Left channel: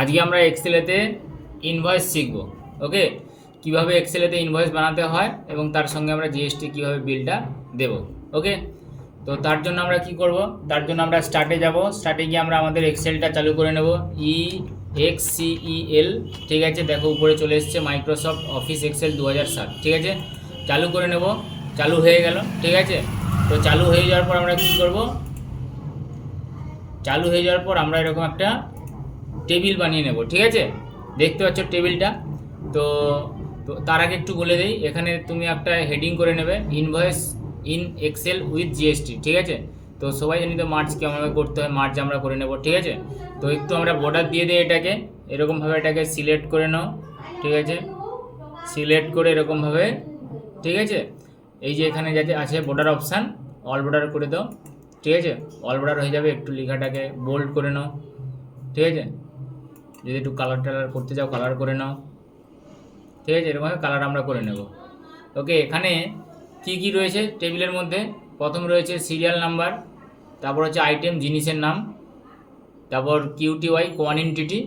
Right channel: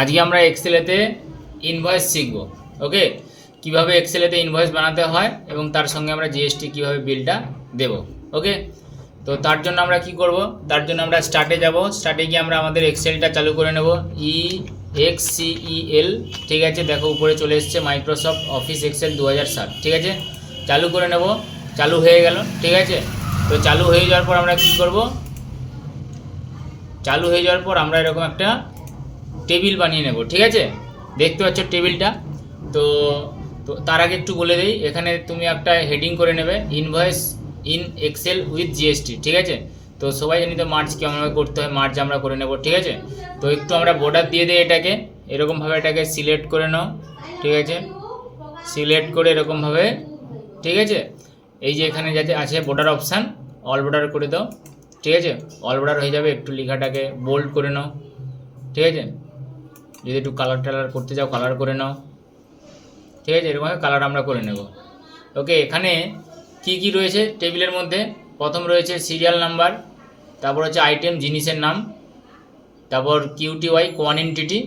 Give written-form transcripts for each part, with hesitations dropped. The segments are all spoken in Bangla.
আজকে আমরা এক্সেলেতে ইনভয়েস শিখব। ওকে, কিভাবে এক্সেলেতে ইনভয়েস বানাতে হয় এবং তার সঙ্গে আমরা জিএসটি কিভাবে বিলটা দেব। ওকে, তো তার জন্য আমরা কি করব, তার জন্য আমরা স্টার্টে যাব। স্টার্টে গিয়ে আমরা আমাদের এক্সেলটা চালু করে নেব। EXCEL, ঠিক আছে, দেখো উপরে চলে এসছে মাইক্রোসফট অফিস এক্সেল 2007, ঠিক আছে, চালু করে নেব। চালু হয়ে গেল, ঠিক আছে। তো চালু হয়ে যাওয়ার পর আমরা কি করব, চালু হয়ে যাওয়ার পর আমরা এরকম একটা টেবিল বানিয়ে নেব, ঠিক আছে। দেখতে পাচ্ছ টেবিলটা। তো তো তার আগে একটু বলে দিই, এখানে তুমি একটা হেডিং করে নেবে, invoice in Excel with GST, ঠিক আছে। তো সবাই জানি তো মার্চ কেমনভাবে করতে হয়, মার্চ আমরা করে নেব, ঠিক আছে। তো একটু আমরা বর্ডার দিয়ে দিই এটাকে, এরকমভাবে এটাকে সিলেক্ট করে নাও, ঠিক আছে। সিলেক্ট করে এরকমভাবে, ঠিক আছে। এই যে এখানে যাতে আছে বর্ডার অপশান, অল বর্ডার করে দাও, ঠিক আছে। অল বর্ডার হয়ে যাবে। একটু লেখাটাকে বোল্ড করে নাও, ঠিক আছে। যদি একটু কালার টালার করতে চাও কালার করে নাও, ঠিক আছে। এরকমভাবে কালার আমরা করে নেব। ওকে, এখানে কি কি রয়েছে টেবিলের মধ্যে, প্রথম রয়েছে সিরিয়াল নাম্বার, তারপর হচ্ছে আইটেম জিনিসের নাম, তারপর QTY কোয়ান্টিটি,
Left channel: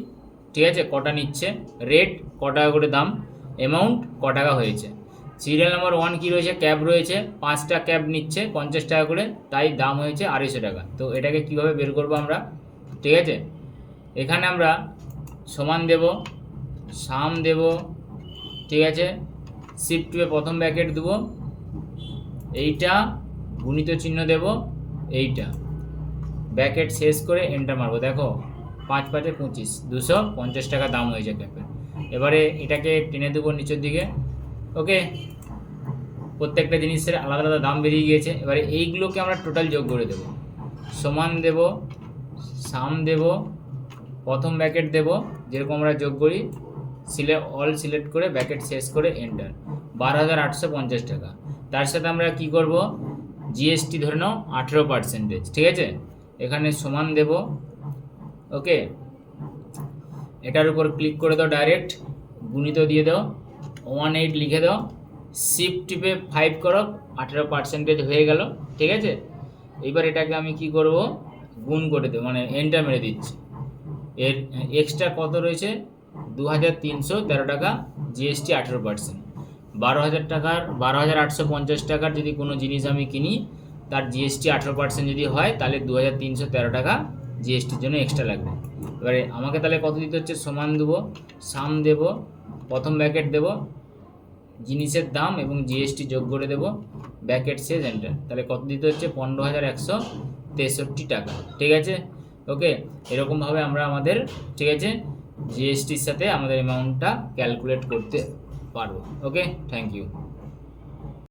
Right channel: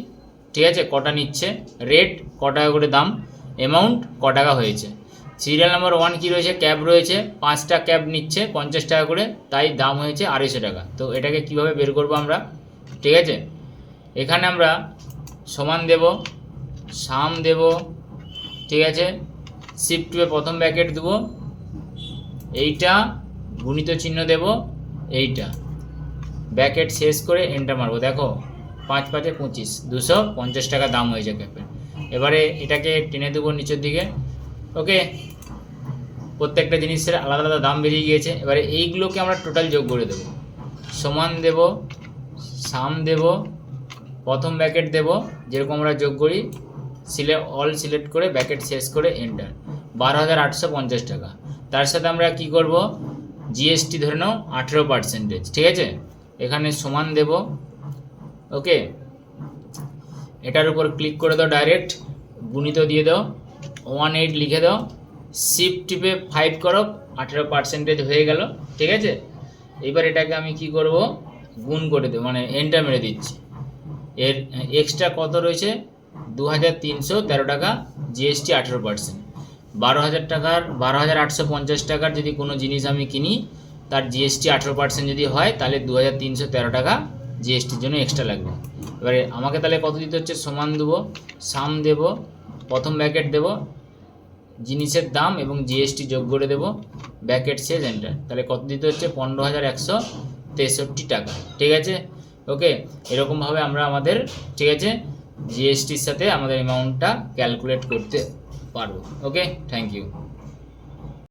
ঠিক আছে, কটা নিচ্ছে, রেট ক টাকা করে দাম, অ্যামাউন্ট ক টাকা হয়েছে। সিরিয়াল নাম্বার 1 কি রয়েছে, ক্যাব রয়েছে, 5টা ক্যাব নিচ্ছে 50 টাকা করে, তাই দাম হয়েছে 250 টাকা। তো এটাকে কিভাবে বের করবো আমরা, ঠিক আছে। এখানে আমরা সমান দেব, সাম দেব, ঠিক আছে। শিফট টুয়ে প্রথম ব্র্যাকেট দেব, এইটা গুণিত চিহ্ন দেব, এইটা ব্র্যাকেট শেষ করে এন্টার মারবো। দেখো 5 5 25, 250 টাকা দাম হয়েছে ক্যাপের। এবারে এটাকে টেনে দেবো নিচের দিকে। ওকে, প্রত্যেকটা জিনিসের আলাদা আলাদা দাম বেরিয়ে গিয়েছে। এবারে এইগুলোকে আমরা টোটাল যোগ করে দেবো, সমান দেব, সাম দেব, প্রথম ব্র্যাকেট দেব যেরকম আমরা যোগ করি, অল সিলেক্ট করে ব্র্যাকেট শেষ করে এন্টার, 12,850 টাকা। তার সাথে আমরা কি করব, জিএসটি ধরে নাও 18%, ঠিক আছে। এখানে সমান দেব। ওকে, এটার উপর ক্লিক করে দাও, ডাইরেক্ট গুণিত দিয়ে দাও, 18 লিখে দাও, শিফট টিপে 5 করো, 18% হয়ে গেল, ঠিক আছে। এবার এটাকে আমি কি করব, গুণ করে দেবো, মানে এন্টার মেরে দিচ্ছি। এর এক্সট্রা কত রয়েছে, 2,313 টাকা, জিএসটি 18%। 12,000 টাকার 12,850 টাকার যদি কোনো জিনিস আমি কিনি, তার জিএসটি 18% যদি হয়, তাহলে 2,313 টাকা জিএসটির জন্য এক্সট্রা লাগবে। এবারে আমাকে তাহলে কত দিতে হচ্ছে, সমান দেবো, সাম দেব, প্রথম ব্র্যাকেট দেব, জিনিসের দাম এবং জিএসটি যোগ করে দেব, ব্র্যাকেট শেষ এন্টার, তাহলে কত দিতে হচ্ছে, 15,163 টাকা, ঠিক আছে। ওকে, এরকমভাবে আমরা আমাদের, ঠিক আছে, জিএসটির সাথে আমাদের অ্যামাউন্টটা ক্যালকুলেট করতে পারবো। ওকে, থ্যাংক ইউ।